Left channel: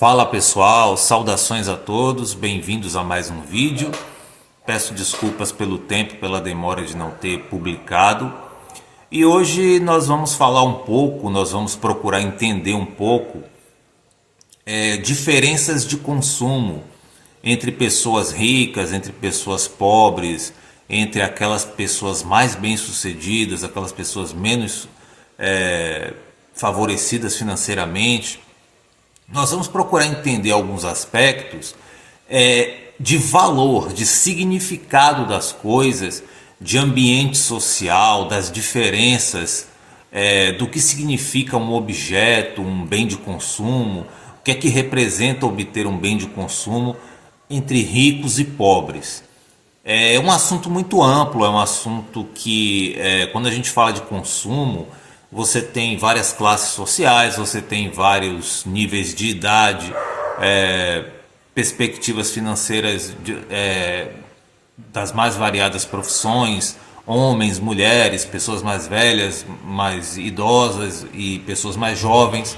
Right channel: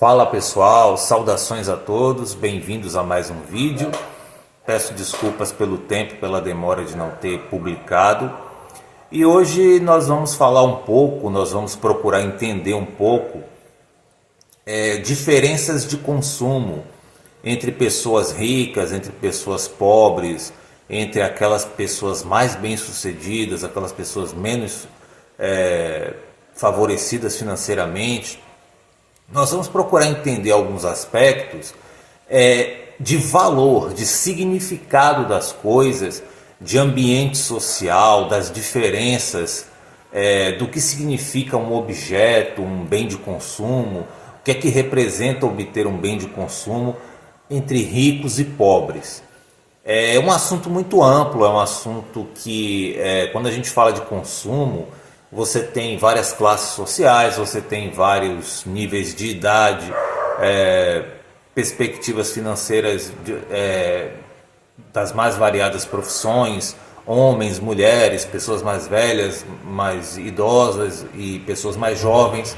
Fala pessoal, saudações a todos, bem-vindos a mais um vídeo. Peço desculpas pelo tempo, pela demora de não ter publicado. E hoje nós vamos falar um pouco, nós vamos procurar entender um pouco diferenças de consumo entre pessoas ricas, entre pessoas pobres, entre aquelas pessoas mais bem-sucedidas, aquelas pessoas menos favorecidas financeiramente. Nós vamos procurar entender alguns aspectos de valor, de significado das coisas, de ambiente social, das diferenças, do que significa um objeto, um bem de consumo, o que é que representa obter um bem de consumo entre ricos e pobres. É um assunto muito amplo, é um assunto que, quando a gente fala de consumo, você tem várias classes sociais, você tem vários níveis de idade, perspectivas financeiras das mais variadas profissões, homens, mulheres, pessoas mais velhas, mais idosas e pessoas mais jovens.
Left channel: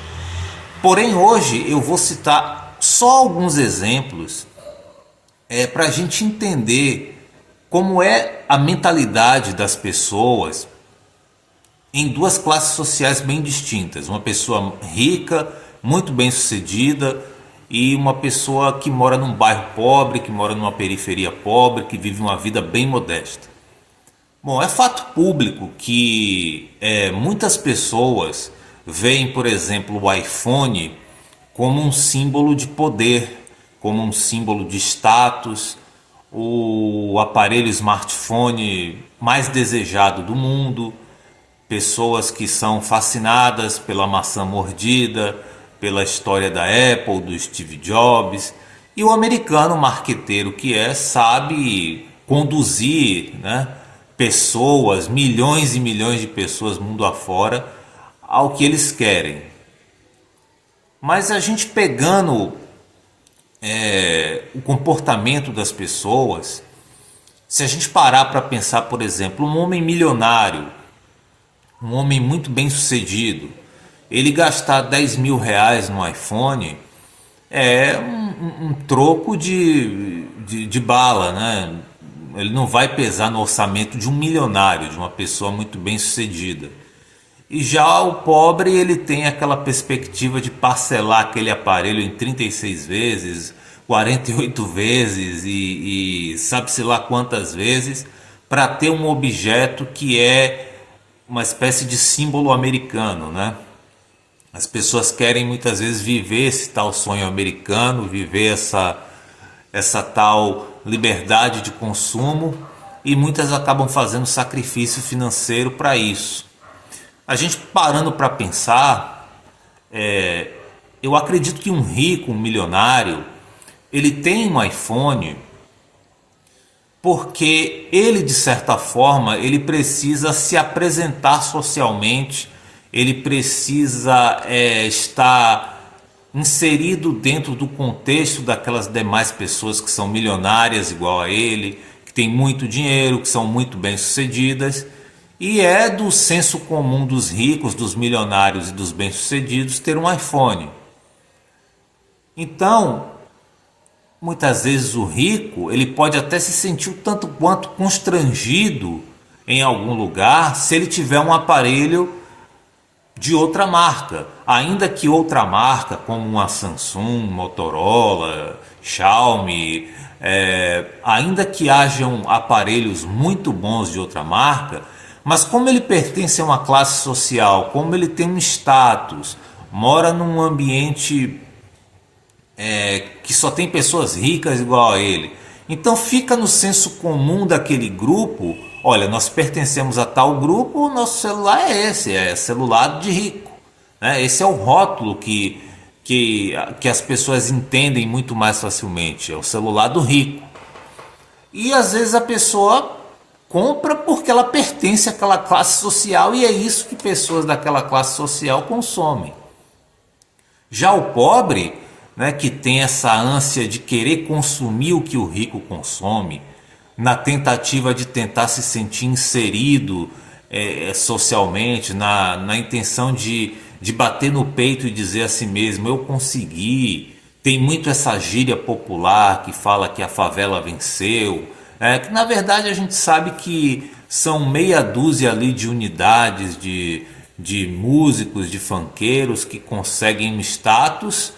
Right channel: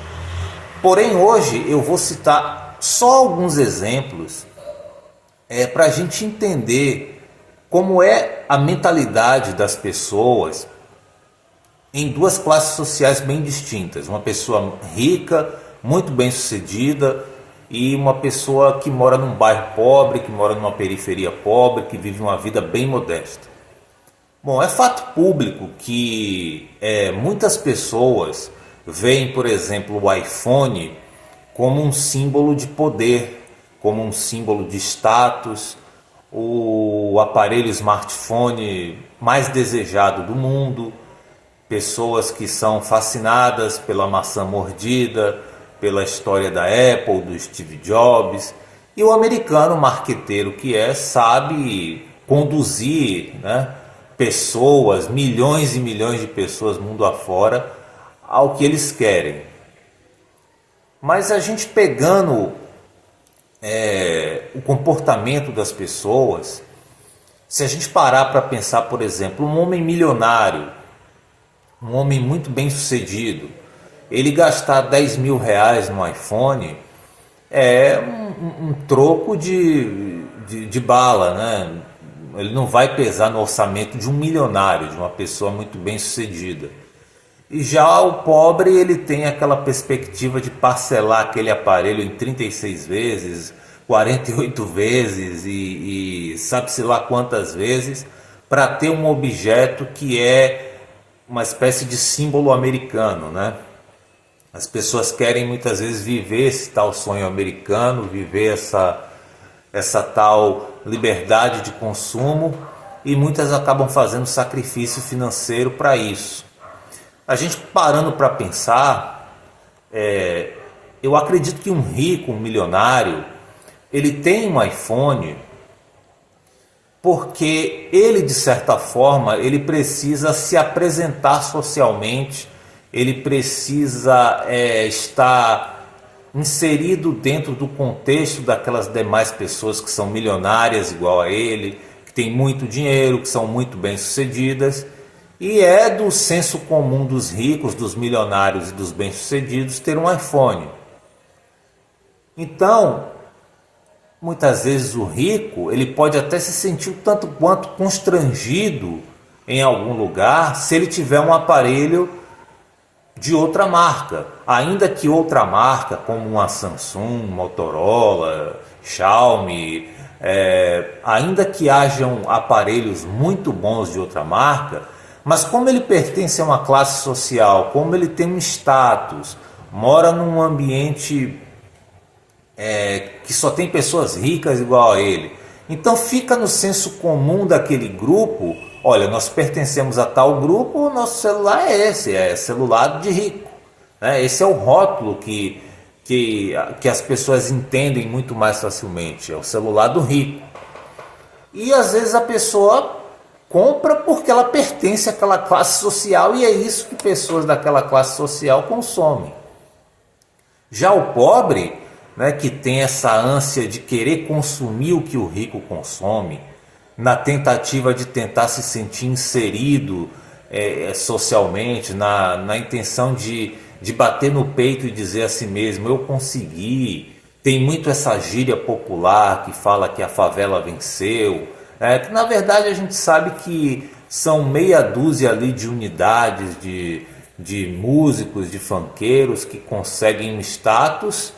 Porém, hoje eu vou citar só alguns exemplos para a gente entender como é a mentalidade das pessoas em duas classes sociais bem distintas. Uma pessoa rica, muito bem sucedida, e uma pessoa que mora num bairro pobre, que mora numa periferia pobre, que vive uma vida bem modesta. Bom, é fato público que muitas pessoas veem, por exemplo, o iPhone como um símbolo de poder, como um símbolo de status, o aparelho smartphone mais desejado do mundo. Pessoas que são fascinadas pela maçã mordida, pela história da Apple, do Steve Jobs. E o americano marqueteiro que sabe conduzir, né, pessoas, milhões e milhões de pessoas mundo afora, ao que eles querem. Mas a gente pegando o comportamento das pessoas, se a gente parar para pensar, por exemplo, um homem milionário, um homem muito bem sucedido, ele gastar 10 mil reais no iPhone é um troco de bala, né? Ele não vai pesar no orçamento de um milionário, de uma pessoa muito bem sucedida. E já o pobre, ele tem aquela perspectiva de parcelar aquele aparelho em 36 vezes, 48 vezes e sabe-se lá quantas vezes, para ter um objeto que é uma espécie de símbolo americano, né? As pessoas querem muitas vezes viver esse tal sonho americano, viver essa tal liberdade de consumo, e muitas acabam fazendo sacrifício financeiro para isso. A gente parando para pensar, eu acredito que um rico, um milionário, ele tem um iPhone porque ele, de certa forma, ele precisa se apresentar socialmente, ele precisa estar inserido dentro do contexto daquelas demais pessoas que são milionárias igual a ele, que têm muito dinheiro, que são muito bem-sucedidas, e é do senso comum dos ricos, dos milionários e dos bem-sucedidos ter um iPhone. Então, muitas vezes o rico, ele pode até se sentir um tanto quanto constrangido em algum lugar se ele tiver um aparelho de outra marca, ainda que outra marca como uma Samsung, Motorola, Xiaomi, ainda que hajam aparelhos muito bons de outra marca, mas como ele pertence a uma classe social, como ele tem um status, mora num ambiente que só tem pessoas ricas igual a ele. Então fica no senso comum daquele grupo: olha, nós pertencemos a tal grupo, o nosso celular é esse, é celular de rico, né? Esse é o rótulo que as pessoas entendem muito mais facilmente, é o celular do rico. E às vezes a pessoa compra porque ela pertence àquela classe social, e é isso que pessoas daquela classe social consomem. Já o pobre, né, que tem essa ânsia de querer consumir o que o rico consome, na tentativa de tentar se sentir inserido socialmente, na intenção de bater no peito e dizer a si mesmo: eu consegui, Tem muito essa gíria popular que fala que a favela venceu, que na verdade a gente sabe que são meia dúzia ali de unidades de músicos, de funkeiros que conseguem um status,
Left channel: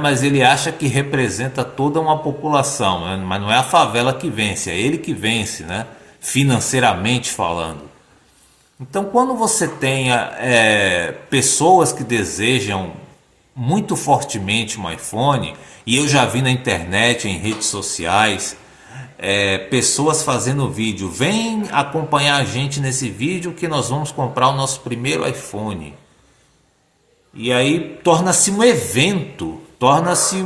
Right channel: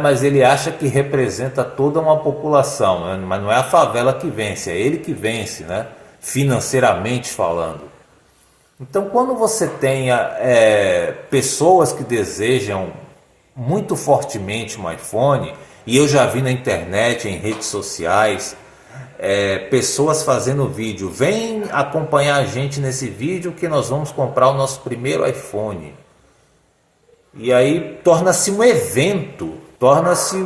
mas ele acha que representa toda uma população, né? Mas não é a favela que vence, é ele que vence, né? Financeiramente falando. Então, quando você tem pessoas que desejam muito fortemente um iPhone, e eu já vi na internet, em redes sociais, pessoas fazendo vídeo, vem acompanhar a gente nesse vídeo que nós vamos comprar o nosso primeiro iPhone. E aí torna-se um evento, torna-se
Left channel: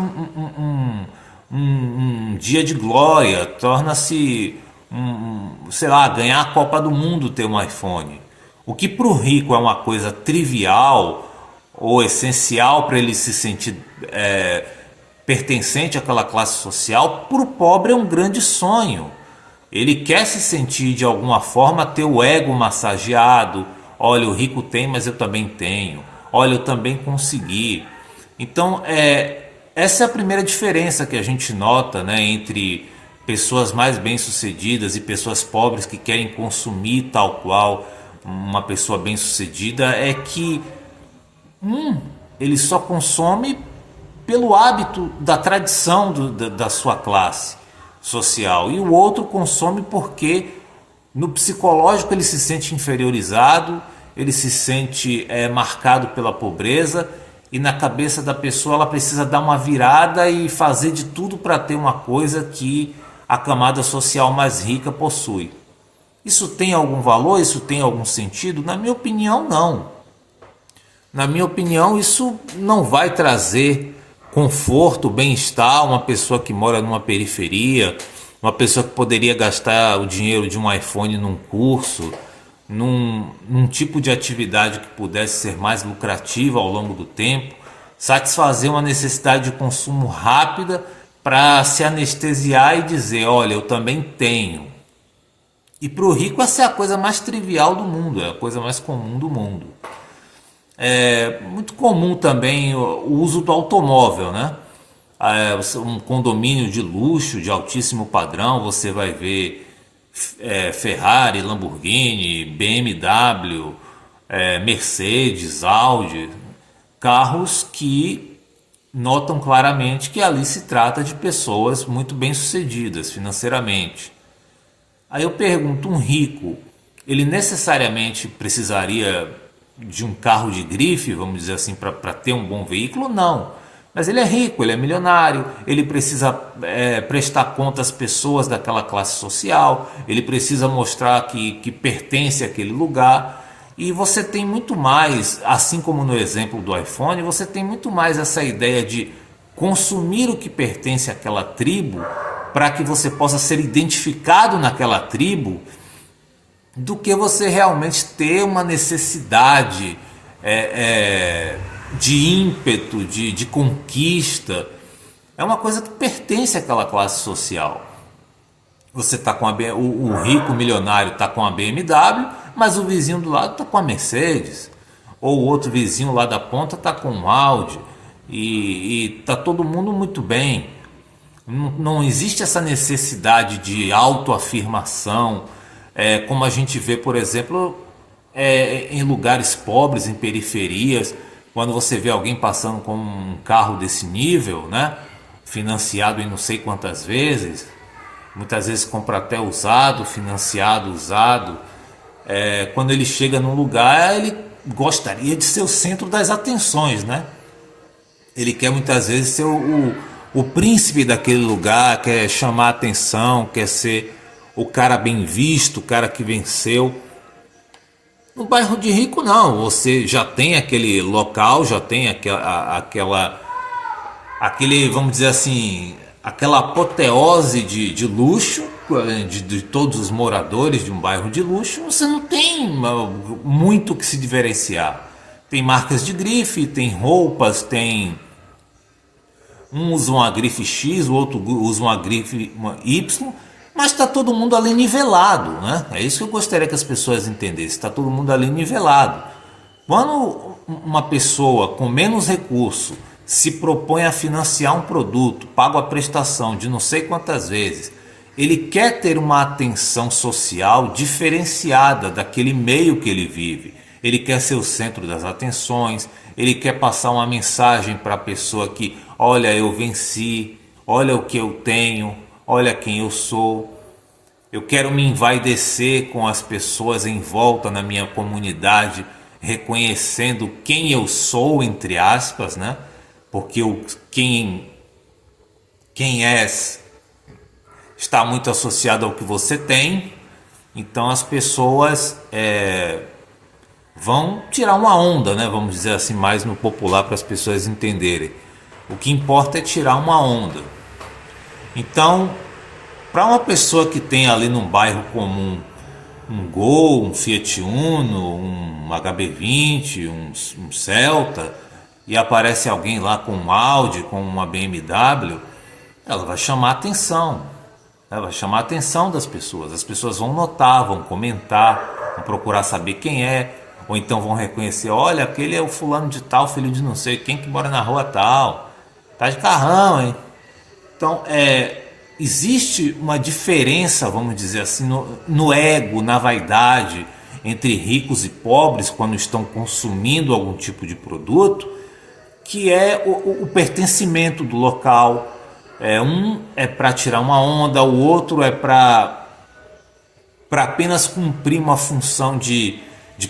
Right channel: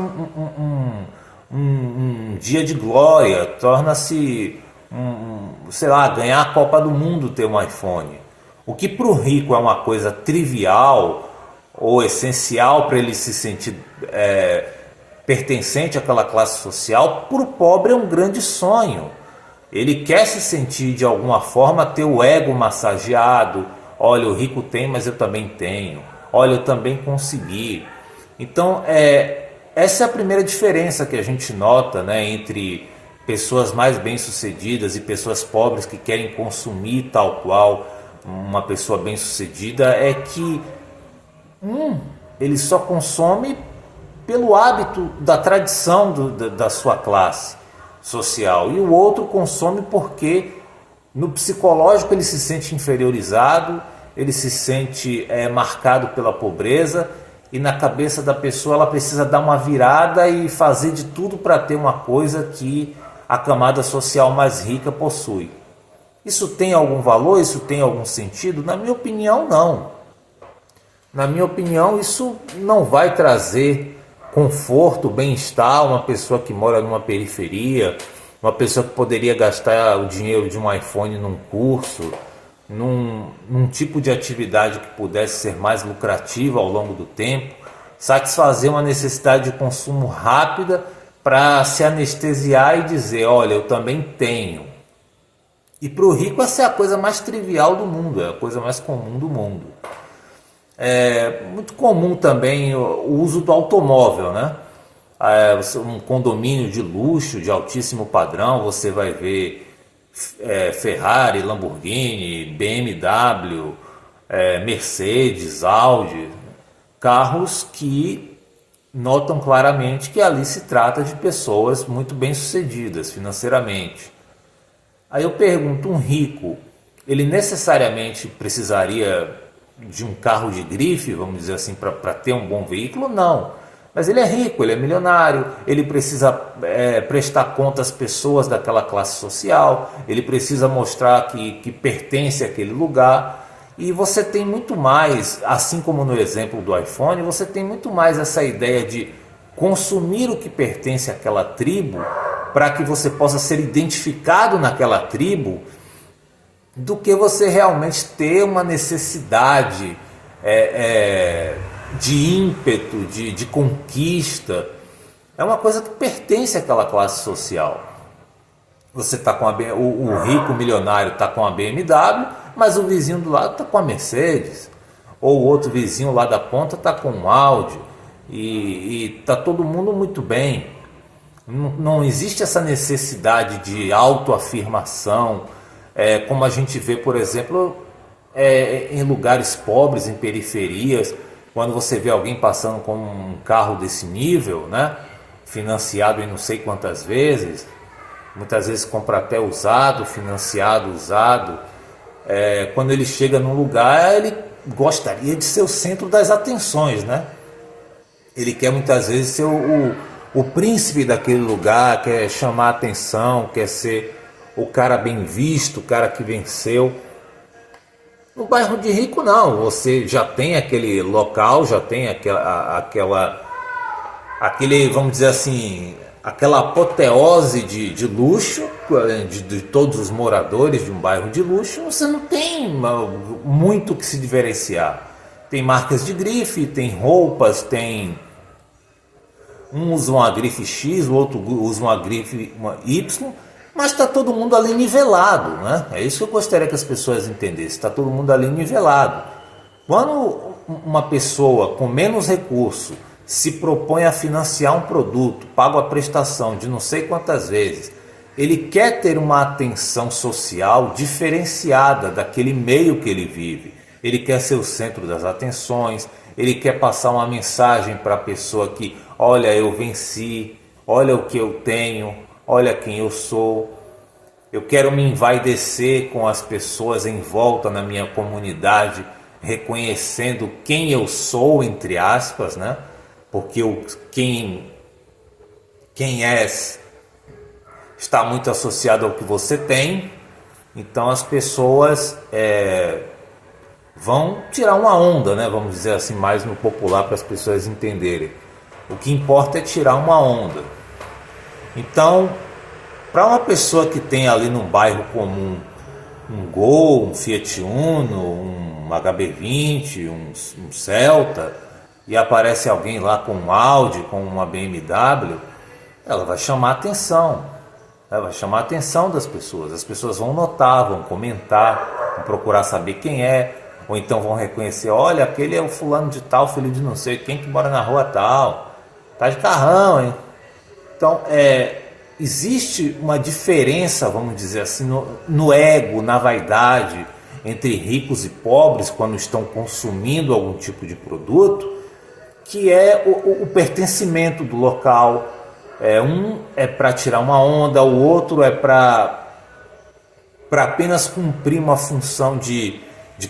um dia de glória, torna-se, sei lá, ganhar a Copa do Mundo ter um iPhone. O que para o rico é uma coisa trivial ou essencial para ele se sentir pertencente àquela classe social, para o pobre é um grande sonho. Ele quer se sentir de alguma forma, ter o ego massageado. Olha, o rico tem, mas eu também tenho. Olha, eu também consegui. Então, essa é a primeira diferença que a gente nota, né, entre pessoas mais bem-sucedidas e pessoas pobres que querem consumir tal qual uma pessoa bem-sucedida, é que ele só consome pelo hábito da tradição da sua classe social, e o outro consome porque no psicológico ele se sente inferiorizado, ele se sente marcado pela pobreza, e na cabeça da pessoa ela precisa dar uma virada e fazer de tudo para ter uma coisa que a camada social mais rica possui. Isso tem algum valor? Isso tem algum sentido? Na minha opinião, não. Na minha opinião, isso não vai trazer conforto, bem-estar. Uma pessoa que mora numa periferia, uma pessoa que poderia gastar o dinheiro de um iPhone num curso, num tipo de atividade que pudesse ser mais lucrativa ao longo do tempo, satisfazer uma necessidade de consumo rápida para se anestesiar e dizer, olha, eu também tenho. E para o rico essa é a coisa mais trivial do mundo, é a coisa mais comum do mundo. É muito comum também o uso do automóvel, né? Um condomínio de luxo, de altíssimo padrão, você vai ver Ferrari, Lamborghini, BMW, Mercedes, Audi, carros que notam claramente que ali se trata de pessoas muito bem-sucedidas financeiramente. Aí eu pergunto, um rico, ele necessariamente precisaria de um carro de grife, vamos dizer assim, para ter um bom veículo? Não. Mas ele é rico, ele é milionário, ele precisa prestar conta às pessoas daquela classe social, ele precisa mostrar que pertence àquele lugar. E você tem muito mais, assim como no exemplo do iPhone, você tem muito mais essa ideia de consumir o que pertence àquela tribo para que você possa ser identificado naquela tribo, do que você realmente ter uma necessidade de ímpeto, de conquista. É uma coisa que pertence àquela classe social. Você está com o rico milionário está com a BMW, mas o vizinho do lado está com a Mercedes, ou o outro vizinho lá da ponta está com um Audi, e está todo mundo muito bem. Não existe essa necessidade de autoafirmação, como a gente vê, por exemplo, em lugares pobres, em periferias, quando você vê alguém passando com um carro desse nível, né, financiado em não sei quantas vezes, muitas vezes compra até usado, financiado, usado. Quando ele chega num lugar, ele gostaria de ser o centro das atenções, né? Ele quer muitas vezes ser o príncipe daquele lugar, quer chamar a atenção, quer ser o cara bem visto, o cara que venceu. No bairro de rico não, você já tem aquele local, já tem aquele, vamos dizer assim, aquela apoteose de luxo, de todos os moradores de um bairro de luxo. Você não tem muito que se diferenciar. Tem marcas de grife, tem roupas, tem... Um usa uma grife X, o outro usa uma grife Y, mas está todo mundo ali nivelado, né? É isso que eu gostaria que as pessoas entendessem, está todo mundo ali nivelado. Quando uma pessoa com menos recurso se propõe a financiar um produto, paga a prestação de não sei quantas vezes, ele quer ter uma atenção social diferenciada daquele meio que ele vive. Ele quer ser o centro das atenções, ele quer passar uma mensagem para a pessoa que, olha, eu venci, olha o que eu tenho, olha quem eu sou. Eu quero me envaidecer com as pessoas em volta na minha comunidade, reconhecendo quem eu sou, entre aspas, né? Porque quem és está muito associado ao que você tem, então as pessoas vão tirar uma onda, né? Vamos dizer assim, mais no popular para as pessoas entenderem. O que importa é tirar uma onda. Então, para uma pessoa que tem ali num bairro comum um Gol, um Fiat Uno, um HB20, um Celta, e aparece alguém lá com um Audi, com uma BMW, ela vai chamar a atenção. Ela vai chamar a atenção das pessoas. As pessoas vão notar, vão comentar, vão procurar saber quem é, ou então vão reconhecer, olha, aquele é o fulano de tal, filho de não sei quem que mora na rua tal, tá de carrão, hein? Então, existe uma diferença, vamos dizer assim, no ego, na vaidade, entre ricos e pobres quando estão consumindo algum tipo de produto, que é o pertencimento do local. Um é para tirar uma onda, o outro é para apenas cumprir uma função de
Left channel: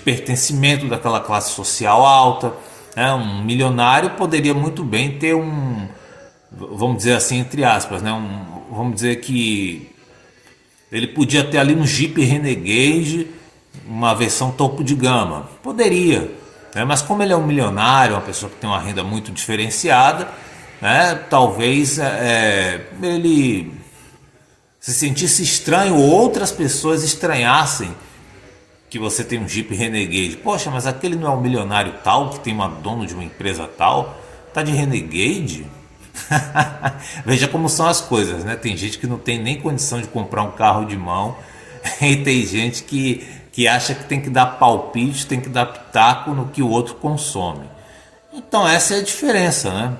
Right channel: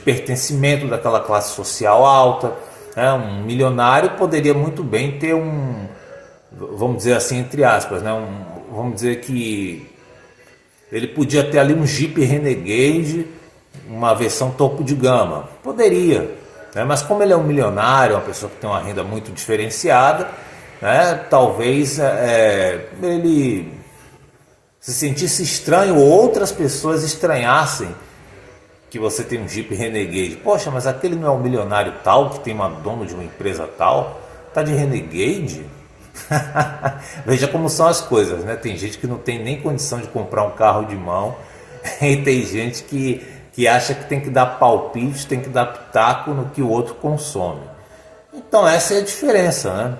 pertencimento daquela classe social alta. Um milionário poderia muito bem ter vamos dizer assim, entre aspas, né? Vamos dizer que ele podia ter ali um Jeep Renegade, uma versão topo de gama. Poderia, né? Mas como ele é um milionário, uma pessoa que tem uma renda muito diferenciada, né? Talvez ele se sentisse estranho ou outras pessoas estranhassem que você tem um Jeep Renegade. Poxa, mas aquele não é um milionário tal, que tem dono de uma empresa tal, tá de Renegade? Veja como são as coisas, né? Tem gente que não tem nem condição de comprar um carro de mão e tem gente que acha que tem que dar palpite, tem que dar pitaco no que o outro consome. Então essa é a diferença, né?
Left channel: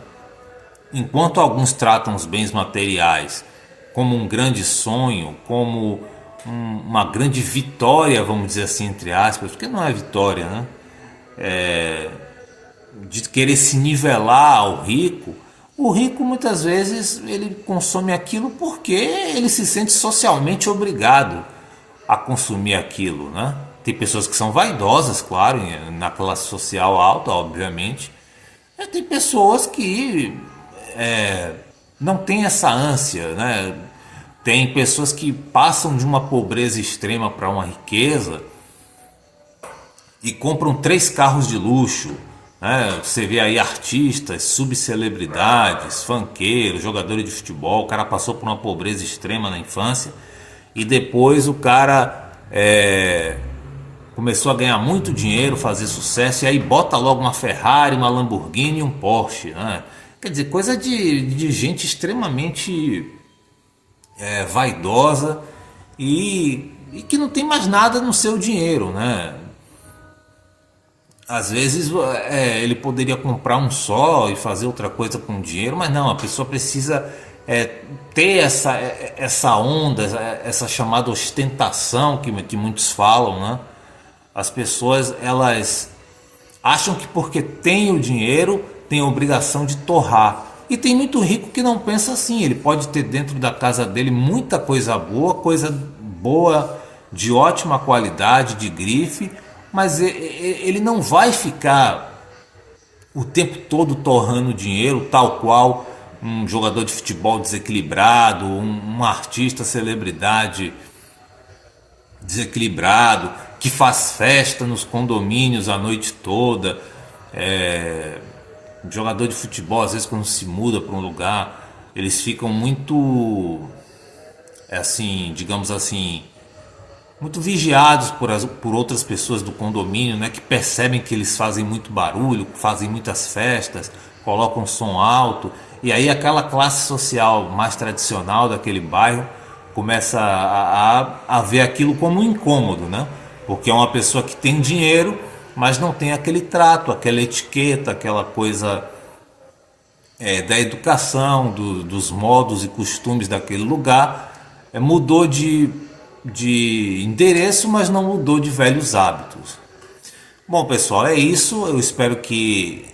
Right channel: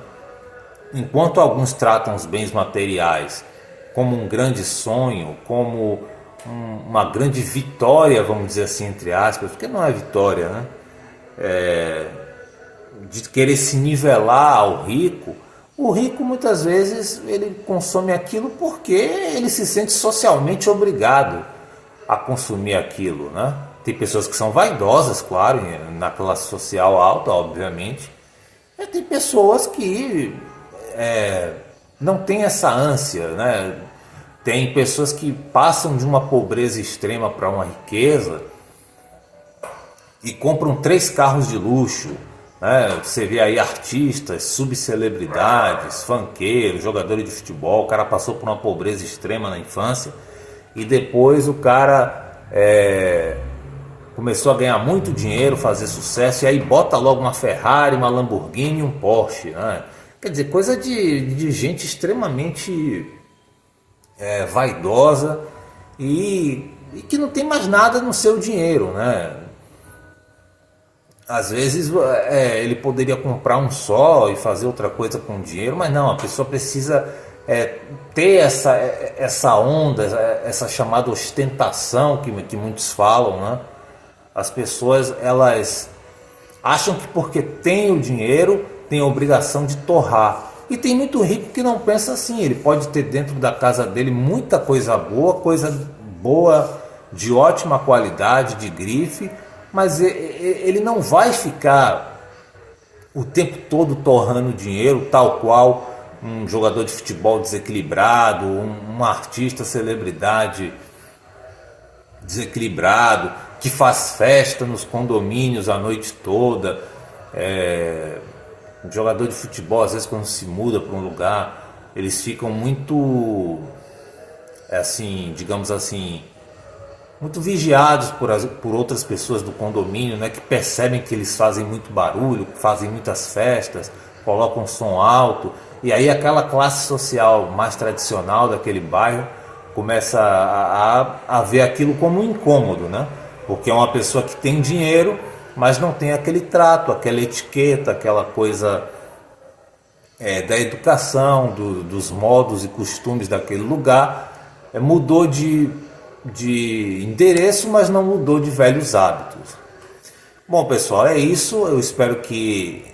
Enquanto alguns tratam os bens materiais como um grande sonho, como uma grande vitória, vamos dizer assim, entre aspas, porque não é vitória, né? De querer se nivelar ao rico. O rico muitas vezes ele consome aquilo porque ele se sente socialmente obrigado a consumir aquilo, né? Tem pessoas que são vaidosas, claro, na classe social alta, obviamente. E tem pessoas que não têm essa ânsia, né? Tem pessoas que passam de uma pobreza extrema para uma riqueza e compram 3 carros de luxo. Você vê aí artistas, subcelebridades, funkeiros, jogadores de futebol. O cara passou por uma pobreza extrema na infância e depois o cara começou a ganhar muito dinheiro, fazer sucesso, e aí bota logo uma Ferrari, uma Lamborghini e um Porsche, né? Quer dizer, coisa de gente extremamente vaidosa e que não tem mais nada no seu dinheiro, né? Às vezes ele poderia comprar um só e fazer outra coisa com o dinheiro, mas não, a pessoa precisa ter essa onda, essa chamada ostentação que muitos falam, né? As pessoas, elas acham que porque tem o dinheiro, tem a obrigação de torrar. E tem muito rico que não pensa assim. Ele pode ter dentro da casa dele muita coisa boa, de ótima qualidade, de grife, mas ele não vai ficar o tempo todo torrando dinheiro, tal qual um jogador de futebol desequilibrado, um artista celebridade desequilibrado, que faz festa nos condomínios a noite toda. Um jogador de futebol, às vezes, quando se muda para um lugar, eles ficam muito, assim, digamos assim, muito vigiados por outras pessoas do condomínio, né, que percebem que eles fazem muito barulho, fazem muitas festas, colocam som alto, e aí aquela classe social mais tradicional daquele bairro começa a ver aquilo como um incômodo, né? Porque é uma pessoa que tem dinheiro, mas não tem aquele trato, aquela etiqueta, aquela coisa da educação, dos modos e costumes daquele lugar. Mudou de endereço, mas não mudou de velhos hábitos. Bom, pessoal, é isso. Eu espero que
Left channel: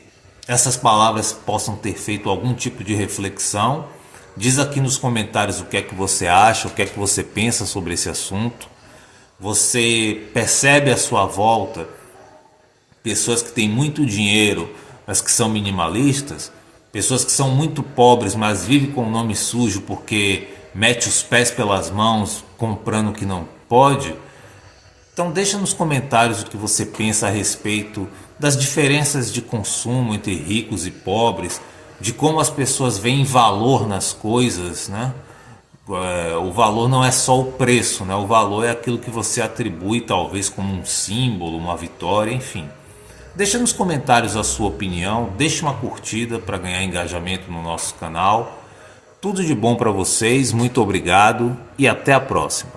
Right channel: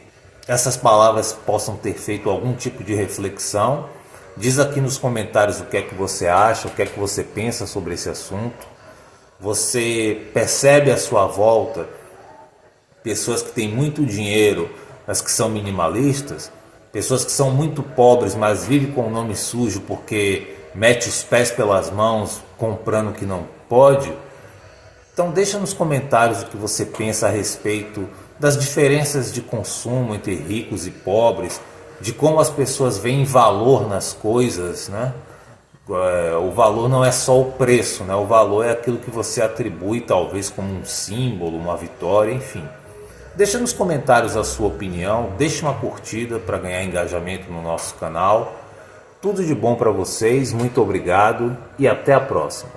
essas palavras possam ter feito algum tipo de reflexão. Diz aqui nos comentários o que é que você acha, o que é que você pensa sobre esse assunto. Você percebe à sua volta pessoas que têm muito dinheiro, mas que são minimalistas? Pessoas que são muito pobres, mas vivem com o nome sujo porque mete os pés pelas mãos comprando o que não pode? Então deixa nos comentários o que você pensa a respeito das diferenças de consumo entre ricos e pobres, de como as pessoas veem valor nas coisas, né? O valor não é só o preço, né? O valor é aquilo que você atribui talvez como um símbolo, uma vitória, enfim. Deixa nos comentários a sua opinião, deixe uma curtida para ganhar engajamento no nosso canal. Tudo de bom para vocês, muito obrigado e até a próxima.